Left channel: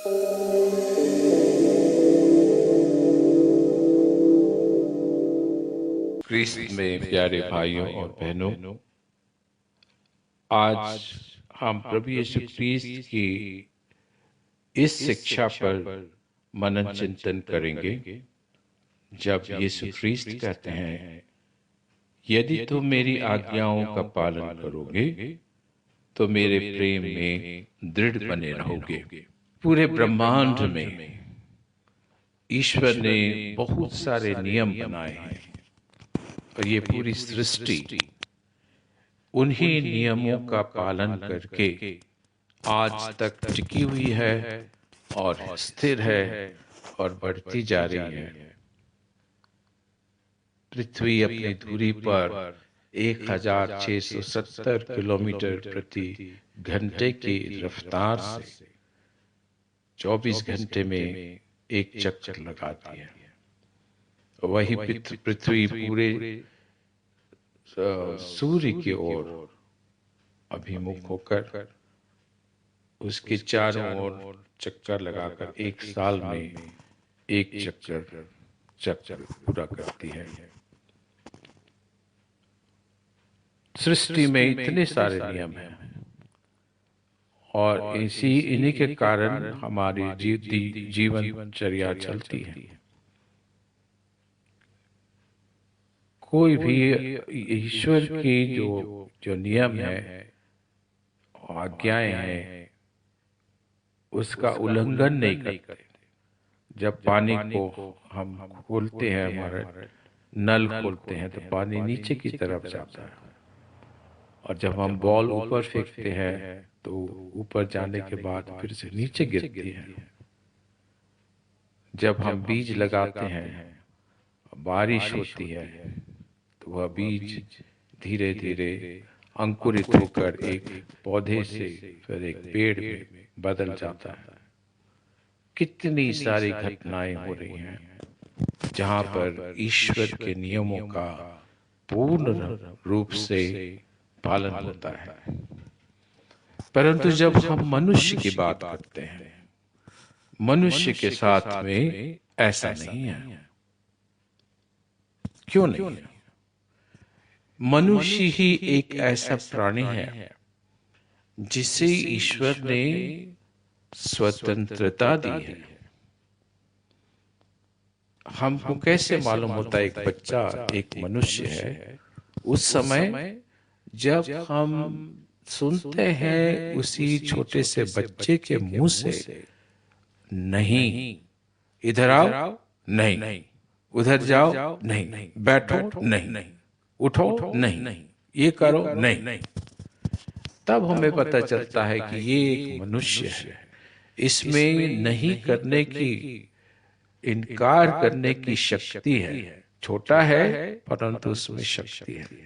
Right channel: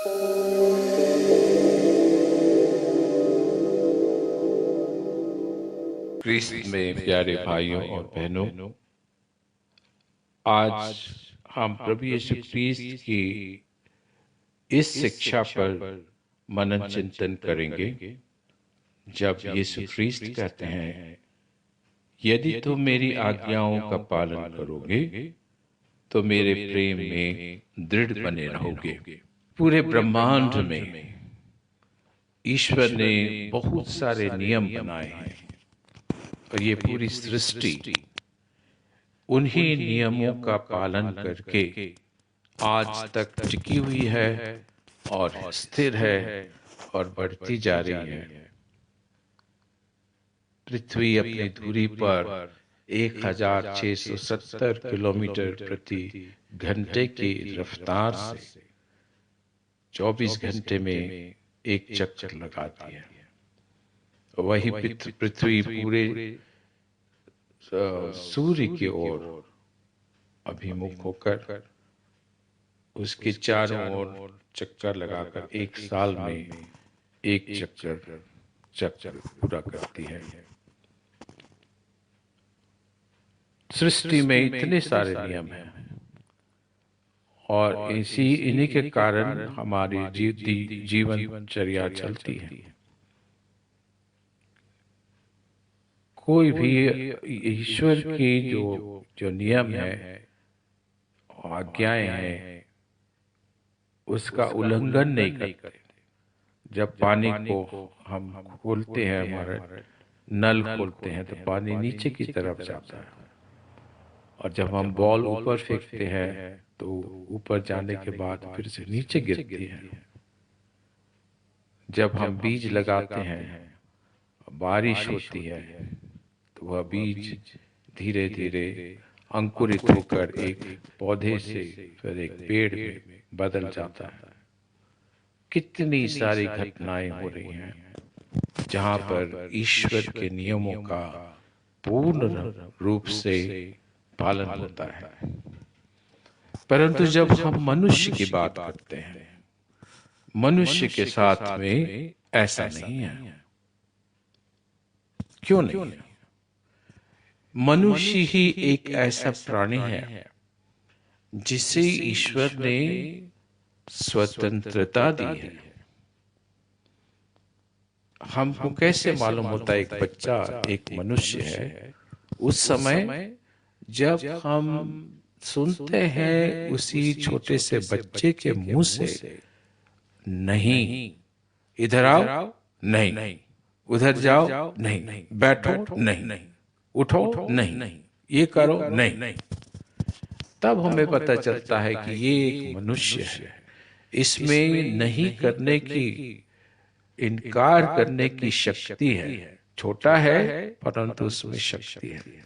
क्रिस्त में प्यारे भाइयों और बहनों, आज हम प्रभु यीशु क्रिस्त की इस शिक्षा पर मनन चिंतन करेंगे। जब यीशु क्रिस्त कहते हैं, यदि तुम मेरी आज्ञाओं का पालन करोगे तो मेरे प्रेम में दृढ़ बने रहोगे। पूरे ब्रह्मांड में ईश्वर ने बहुत सारे नियम बनाए हैं और ये पूरी सृष्टि उन्हीं नियमों का पालन करके आज तक टिकी हुई है और स्थिर है और बढ़ती जा रही है। पृथ्वी अपनी धुरी पर 1670 किलोमीटर प्रति घंटे की रफ्तार से 24 घंटे में एक चक्कर लगाती है। वही पृथ्वी पूरे सूर्य की ओर अभिमुख होकर उसके चारों ओर चक्कर लगाकर एक साल में एक चक्कर पूरा करती है। सृष्टि में इतने सारे नियम हैं और इन्हीं के कारण हमारी जीवनचर्या चलती है। कोई भी ईश्वर की जो नियम है, आज्ञाएं हैं, उसका उल्लंघन नहीं करते। जब पानी को हम खोलते हैं, हमारे नल खोलते हैं, तो पानी नीचे की तरफ जाता है और जब हम बॉल ऊपर फेंकते हैं तो ऊपर जाने के बाद फिर से नीचे गिरती है। जब हम बीज लगाते हैं, बारिश होती है, तो वह बीज धीरे धीरे अंकुरित होकर एक पौधे से फिर एक पेड़ में बदल जाता है। कितनी सारी घटनाएं हो रही हैं जहां पर ईश्वर के नियमों का पूर्ण रूप से पालन होता है। परंतु जब हम मनुष्य की बात करते हैं, मनुष्य के साथ में ऐसा नहीं है। क्यों नहीं? मनुष्य ही एक ऐसा प्राणी है जिसे ईश्वर ने स्वतंत्रता दी है। हमको कैसे मालूम होता है एक बच्चा एक मनुष्य है? उस समय जब हम सुनते हैं उसी छोटे से बच्चे के मुंह से, नहीं, इधर आओ, नहीं, उधर जाओ, नहीं, बैठो, नहीं, उठो, नहीं, ये करो, नहीं, तब हमें पता चलता है कि ये एक मनुष्य है। इसमें नहीं करने की, इनकार करने की शक्ति है। छोटा है परंतु उसमें शक्ति है।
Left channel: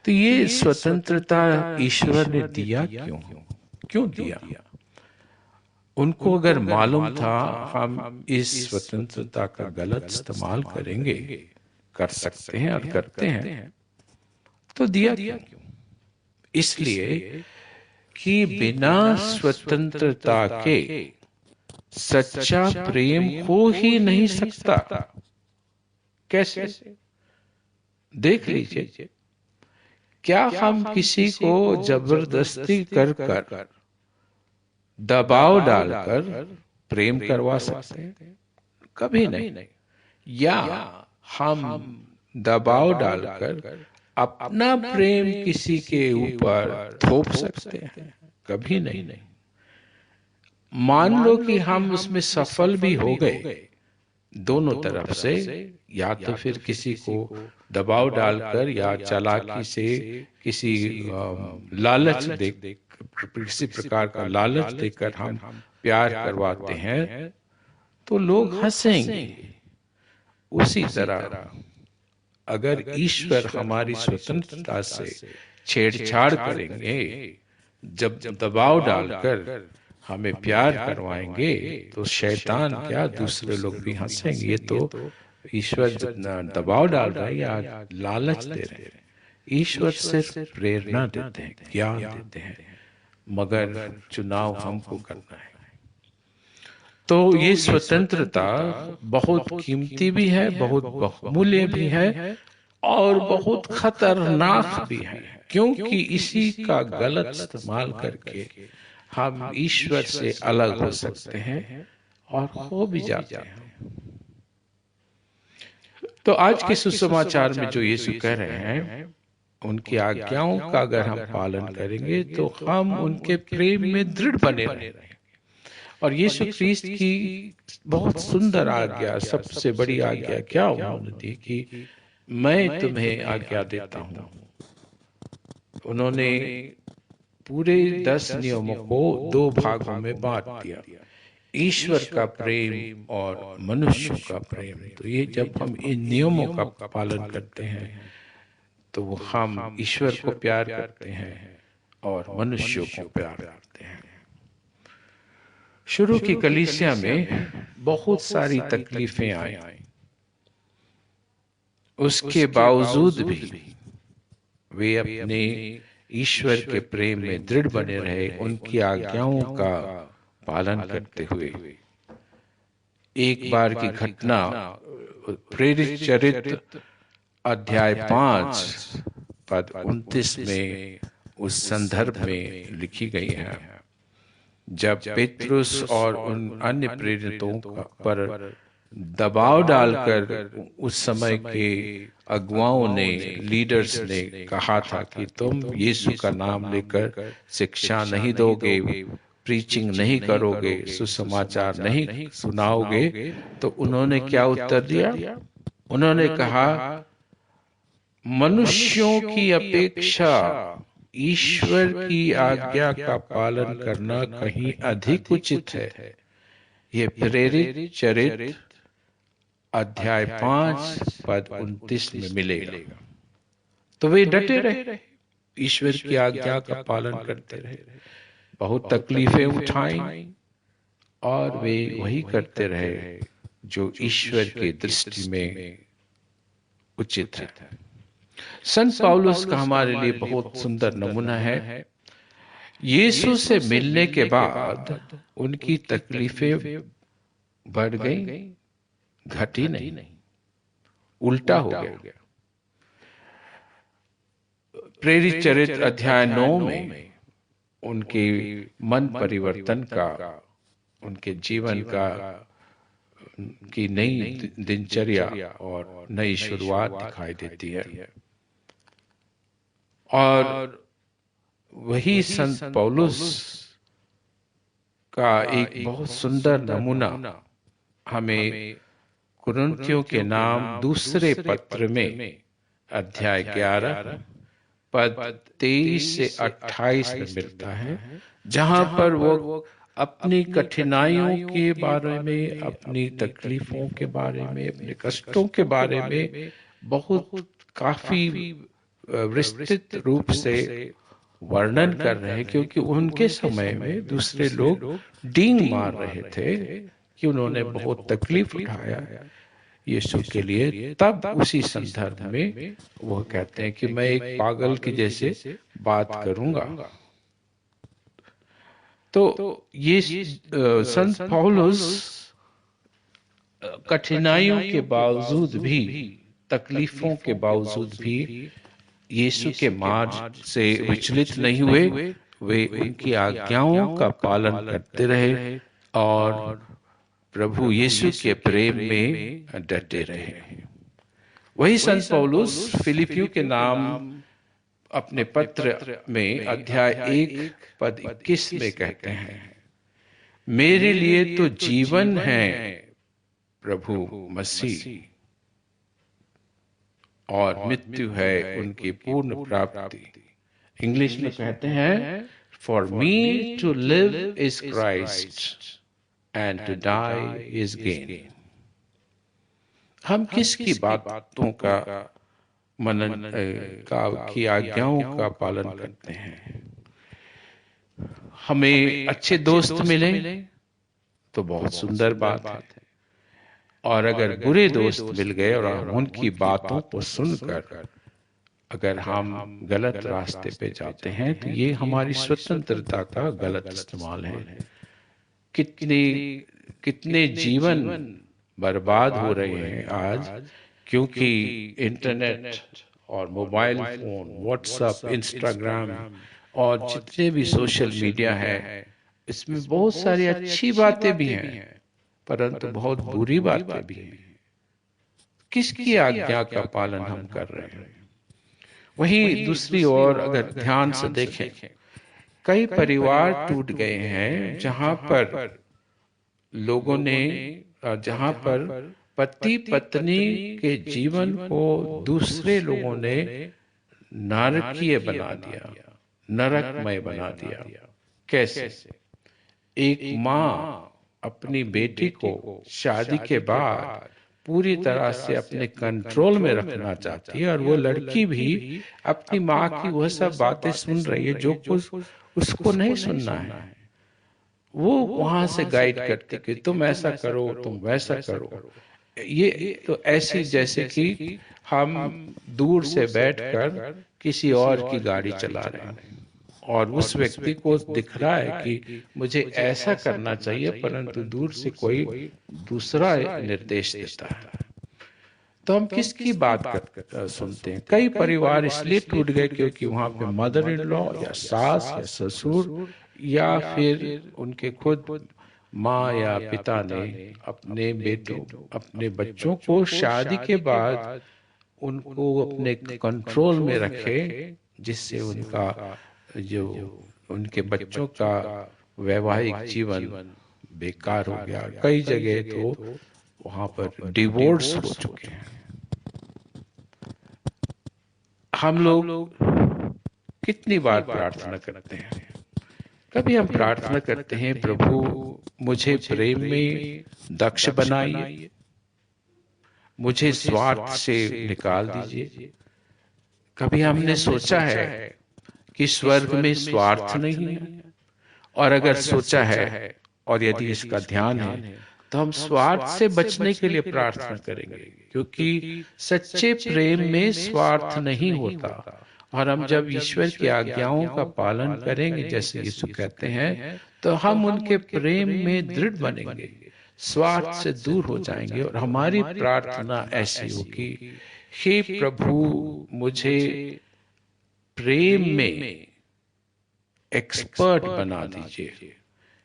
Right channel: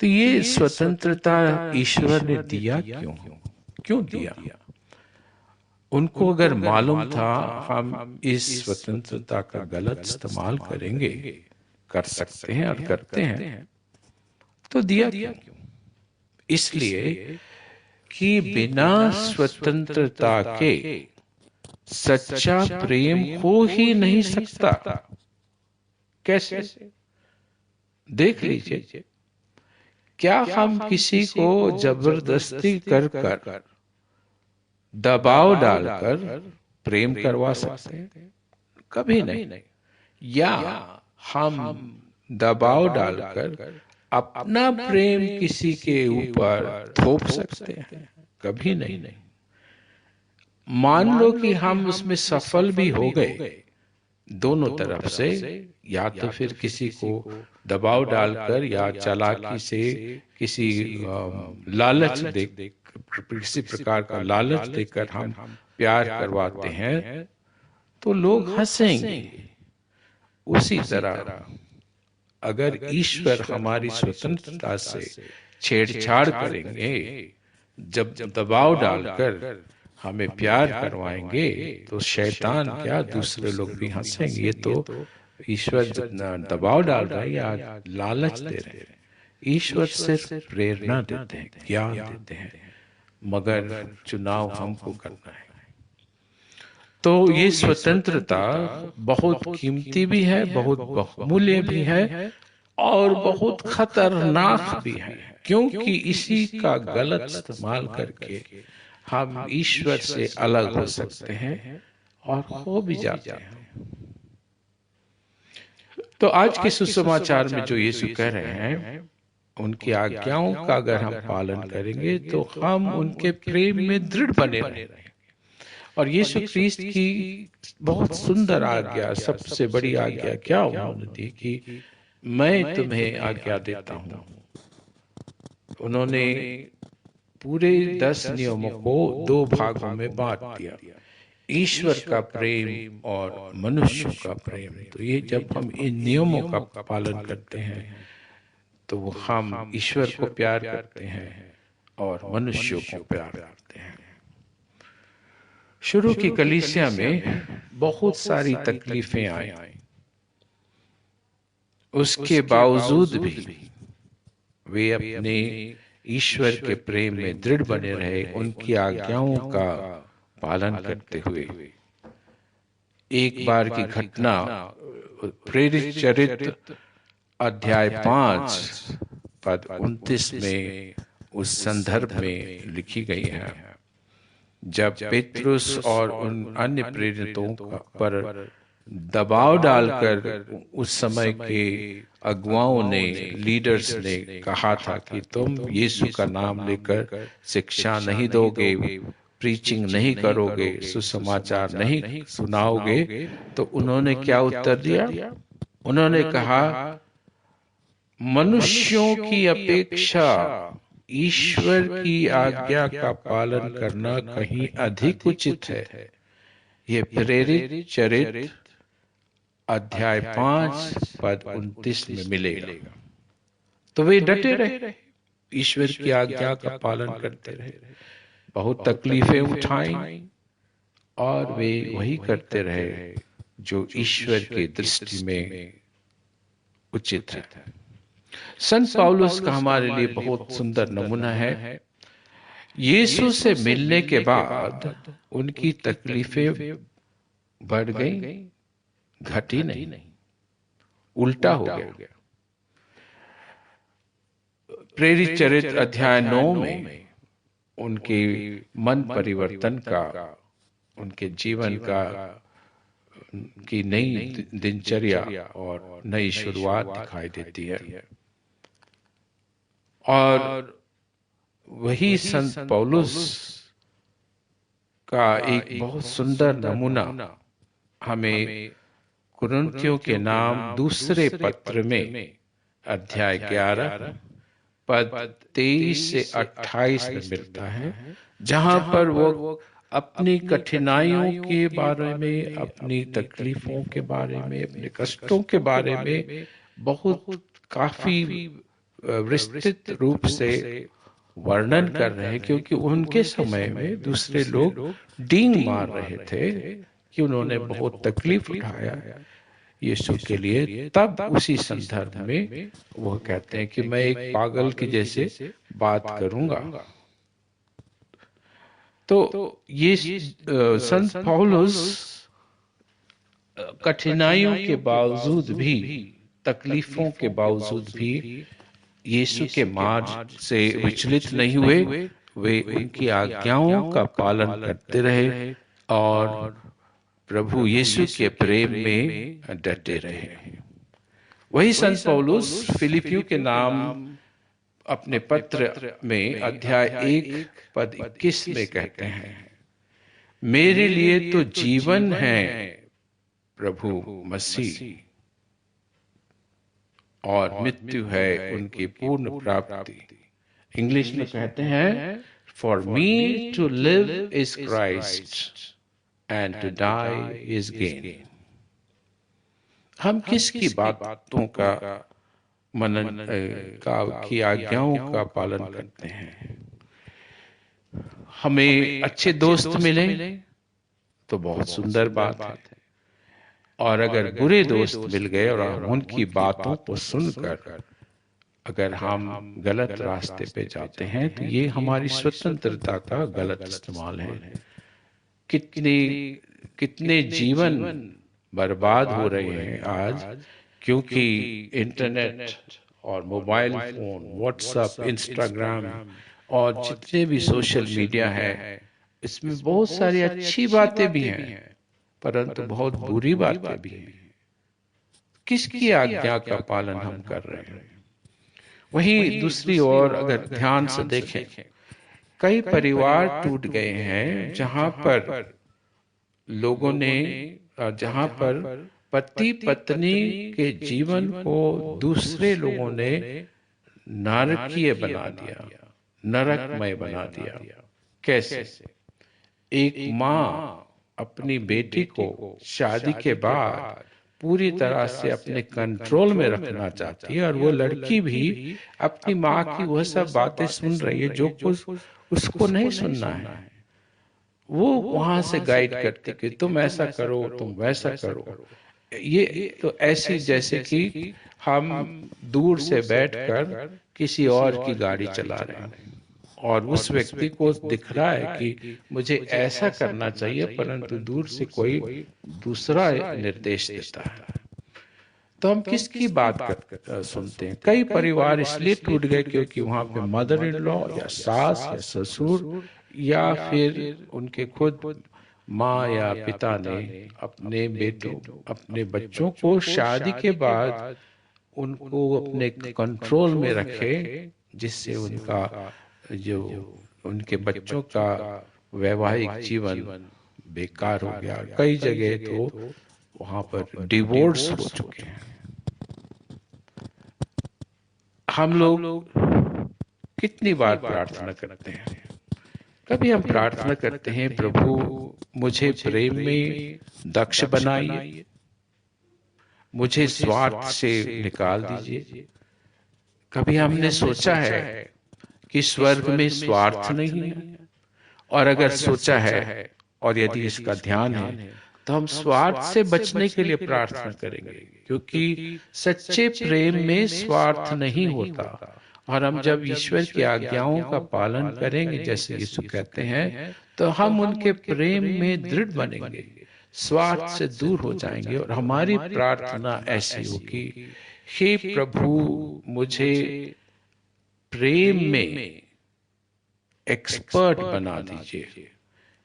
तो ये स्वतंत्रता ईश्वर ने दिया क्यों दिया? उनको अगर मालूम था हम इस स्वतंत्रता का गलत इस्तेमाल करेंगे, कर सकते हैं और करते हैं, तो दिया क्यों? इसलिए कि बिना स्वतंत्रता के सच्चा प्रेम हो ही नहीं सकता। कैसे? देख लीजिए, क्या हम किसी को जबरदस्ती कर दबाव डालकर प्रेम करवा सकते हैं? कभी नहीं। या हम दबाव डालकर अपना प्रेम किसी के ऊपर थोप सकते हैं? कभी नहीं। मान लो कि हम उसमें सफल भी हो गए, दोनों तरफ से, या तो फिर किसी को दबाव डालकर या चालाकी से किसी लालच दे, किसी प्रकार का लालच देकर हम प्यार करवाते हैं, तो लोग हंसेंगे। उसी तरह अगर ईश्वर हमारी स्वतंत्रता से छेड़छाड़ करेंगे, जब दबाव डालकर हमें प्यार करवाएंगे, तो शैतान क्या दूसरे लोग भी हंसेंगे। ये तो ईश्वर दबाव डाल रहे हैं या लालच दे रहे हैं। ईश्वर सिर्फ प्रेरणा देते हैं, ज्ञान देते हैं, मगर चुनाव हमको करना है। तो ये स्वतंत्रता बहुत कीमती भी है, बहुत बहुमूल्य भी है और बहुत खतरनाक भी है, क्योंकि इसी का गलत इस्तेमाल करके हम ईश्वर से अलग हो सकते हैं और खो भी जाते हैं। तो आज के सुसमाचार में जो यीशु कह रहे हैं, उनकी आज्ञाओं का अगर हम पालन करेंगे तो हम उनके प्रेम में दृढ़ बने रहेंगे। और यीशु ख्रीस्त की बहुत सुंदर आज्ञा, सबसे बड़ी आज्ञा क्या उन्होंने दी कि मैं तुम्हें आज्ञा देता हूँ। उन्होंने पूरे 10 नियमों को 2 भागों में बांट दिया, ईश्वर का प्रेम और मनुष्य का प्रेम। तो ये जब हम इन नियमों का पालन करते हैं तो हम ईश्वर को प्यार करते हैं और मनुष्य को प्यार करते हैं। शुरू की कलीसिया में बहुत सारी तकलीफें आई, उसके बावजूद भी वे अपने ईश्वर के प्रेम में दृढ़ बने रहे, उनकी आज्ञाओं का पालन करते हुए। एक बार की घटना प्रेरित चरित्र अध्याय 5 पद 29 में उस संदर्भ में लिखी गई है, जब पेट्रुस और उन अन्य प्रेरितों पर दबाव डालकर उस समय के अगुवाओं ने, लीडर्स ने कहा था कि तुम यीशु का नाम लेकर शिक्षा नहीं दोगे, प्रीचिंग नहीं करोगे, सुसमाचार नहीं सुनाओगे, तो उन्होंने क्या उत्तर दिया? उन्होंने कहा, मनुष्यों की अपेक्षा ईश्वर की आज्ञा का पालन करना कहीं अधिक उचित है। ये प्रेरित चरित्र अध्याय 5 पद 29 में मिलेगा। तो वे डटे रहे, ईश्वर की आज्ञा का पालन करते रहे, बहुत तकलीफें उठाई और वे वही करते रहे जो ईश्वर की दृष्टि में उचित है। संत पौलुस का हमारे लिए बहुत सुंदर नमूना है। यीशु से मिलने के बाद उनकी तकलीफें बढ़ गई, घटी नहीं, उल्टा हो गया। प्रेरित चरित्र अध्याय 9 में उनके मन परिवर्तन का, उनके जीवन का की नई दिनचर्या और नई शुरुआत दिखाई देती है। और वही संत पौलुस का एक बहुत सुंदर नमूना हमें कुरिन्थियों के नाम दूसरे पत्र में अध्याय 11 पद 23 से 28 में मिलता है, जहां पर वो अपनी कठिनाइयों के बारे में, अपनी तकलीफों के बारे में, अपने कष्टों के बारे में बहुत काफी विस्तृत रूप से वर्णन कर रहे हैं, क्योंकि उनके समय में दूसरे लोग डींग मार रहे थे कि उन्होंने बहुत तकलीफ उठाया यीशु के लिए। तब उसी संदर्भ में वो कहते हैं कि मैं एक पागल की जैसे बात करूंगा। तो ये संत पौलुस कठिनाइयों के बावजूद भी, तकलीफों के बावजूद भी यीशु के मार्ग से विचलित नहीं हुए। वे उनकी आज्ञाओं का पालन करते रहे और प्रभु यीशु के प्रेम में डटे रहे। वही संत पौलुस फिलिपियों के नाम अपने पत्र में अध्याय 1 पद 21 में कहते हैं, मेरे लिए तो जीवन है प्रभु मसीह और मृत्यु है उनकी पूर्ण प्राप्ति। इंग्लिश में कहते हैं, for me to live is Christ and to die is gain. हम किसकी बातों का मनन की आज्ञाओं का पालन करते हैं? हमें अच्छे दोस्त मिले तो बहुत सुंदर बात है, और अगर बुरे दोस्त मिल गए और उनकी बातों को सुनकर अगर हम गलत रास्ते पे जाते हैं तो ये हमारी स्वतंत्रता का गलत इस्तेमाल है। कितने जीवन बर्बाद हो रहे हैं आज, क्योंकि इंटरनेट और मोबाइल फोन, व्हाट्सएप, इंस्टाग्राम और जितने भी सोशल मीडिया है, इसमें बहुत सारी अच्छी बातें भी हैं, परंतु बहुत बुरी बातें भी हैं। किसकी आज्ञा का पालन हम कर रहे हैं? वहीं दूसरी ओर अगर ध्यान से देखें, कई परिवार टूट गए हैं जहां पर पति पत्नी के जीवन को दूसरे लोगों ने नारकीय बना दिया, नरकमय बना दिया। कैसे? एक माँ अपनी बेटी को शादी के बाद पूरी तरह से अपने कंट्रोल में रखना चाहती है, और वो लड़की भी अपनी माँ की वो सब बातें सुन रही है जो कुछ उसको नहीं सुनना है। वो वहां से गाइड करते कि तुम ऐसा करो, तुम वैसा करो। ये तो ऐसी जैसे कि हम दूर से बैठकर किसी और की गाड़ी चला रहे हैं और उस व्यक्ति को दिख रहा है कि मुझे ऐसा करना चाहिए, परंतु दूर से कोई दूसरा निर्देश देता है। तो हम किसकी बात सुनते हैं? कई परिवार इसलिए टूट गए क्योंकि वहां पे मदर इन लॉ या सास या ससुर या फिर उनके खुद माँ या पिता ने अपने बच्चों को शादी के बाद उनको अपने कंट्रोल में रखे, जिससे जो उनके बच्चों का वैवाहिक जीवन बेकार हो गया। कई जगह तो वहां पर डिवोर्स हो चुके हैं। हम लोग कितनी बार प्रार्थना करते हैं? कभी हम प्रार्थना करते हैं, प्रभु मुझे प्रेम में दक्ष बनाइए, मुझे स्वार्थ से निकाल दीजिए। कभी हमने सोचा है कि स्वर्ग में स्वार्थ नहीं है? और अगर सोचा है और यदि इसका ध्यान है, तो हम स्वार्थ से बचने के लिए प्रार्थना करेंगे, क्योंकि सच्चे प्रेम में स्वार्थ नहीं होता। और हम जब ईश्वर की आज्ञाओं का पालन करेंगे, जैसे यीशु कहते हैं, तो हम उनके प्रेम में दृढ़ बनेंगे, स्वार्थ से दूर हो जाएंगे। और हमारी प्रार्थना ऐसी होगी, हे प्रभु मुझे प्रेम में एक्सपर्ट बना दीजिए,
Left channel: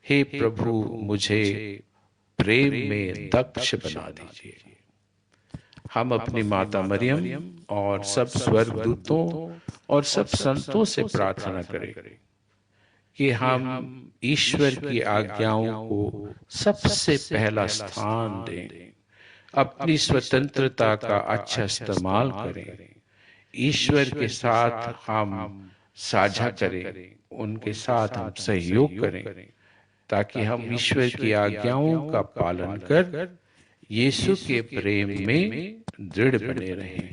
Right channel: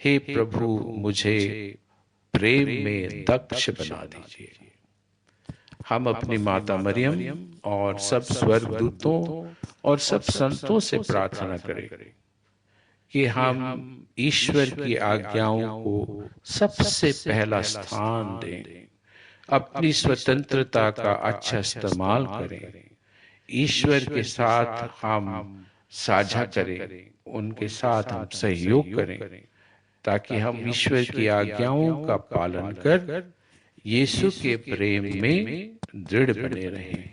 हे प्रभु मुझे प्रेम में दक्ष बना दीजिए। हम अपनी माता मरियम और सब स्वर्गदूतों और सब संतों से प्रार्थना करें कि हम ईश्वर की आज्ञाओं को सबसे पहला स्थान दें, अपनी स्वतंत्रता का अच्छा इस्तेमाल करें, ईश्वर के साथ हम साझा करें, उनके साथ हम सहयोग करें, ताकि हम ईश्वर की आज्ञाओं का पालन कर यीशु के प्रेम में दृढ़ बने रहें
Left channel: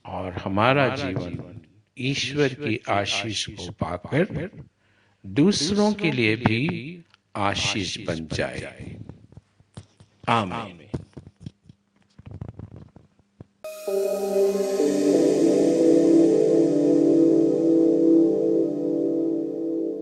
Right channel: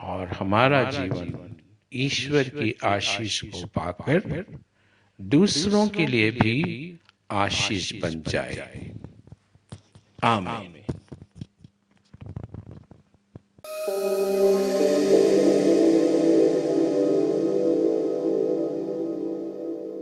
और हमारा जीवन ईश्वर की आशीष को पाकर दूसरों के लिए भी आशीष बन जाए। आमीन।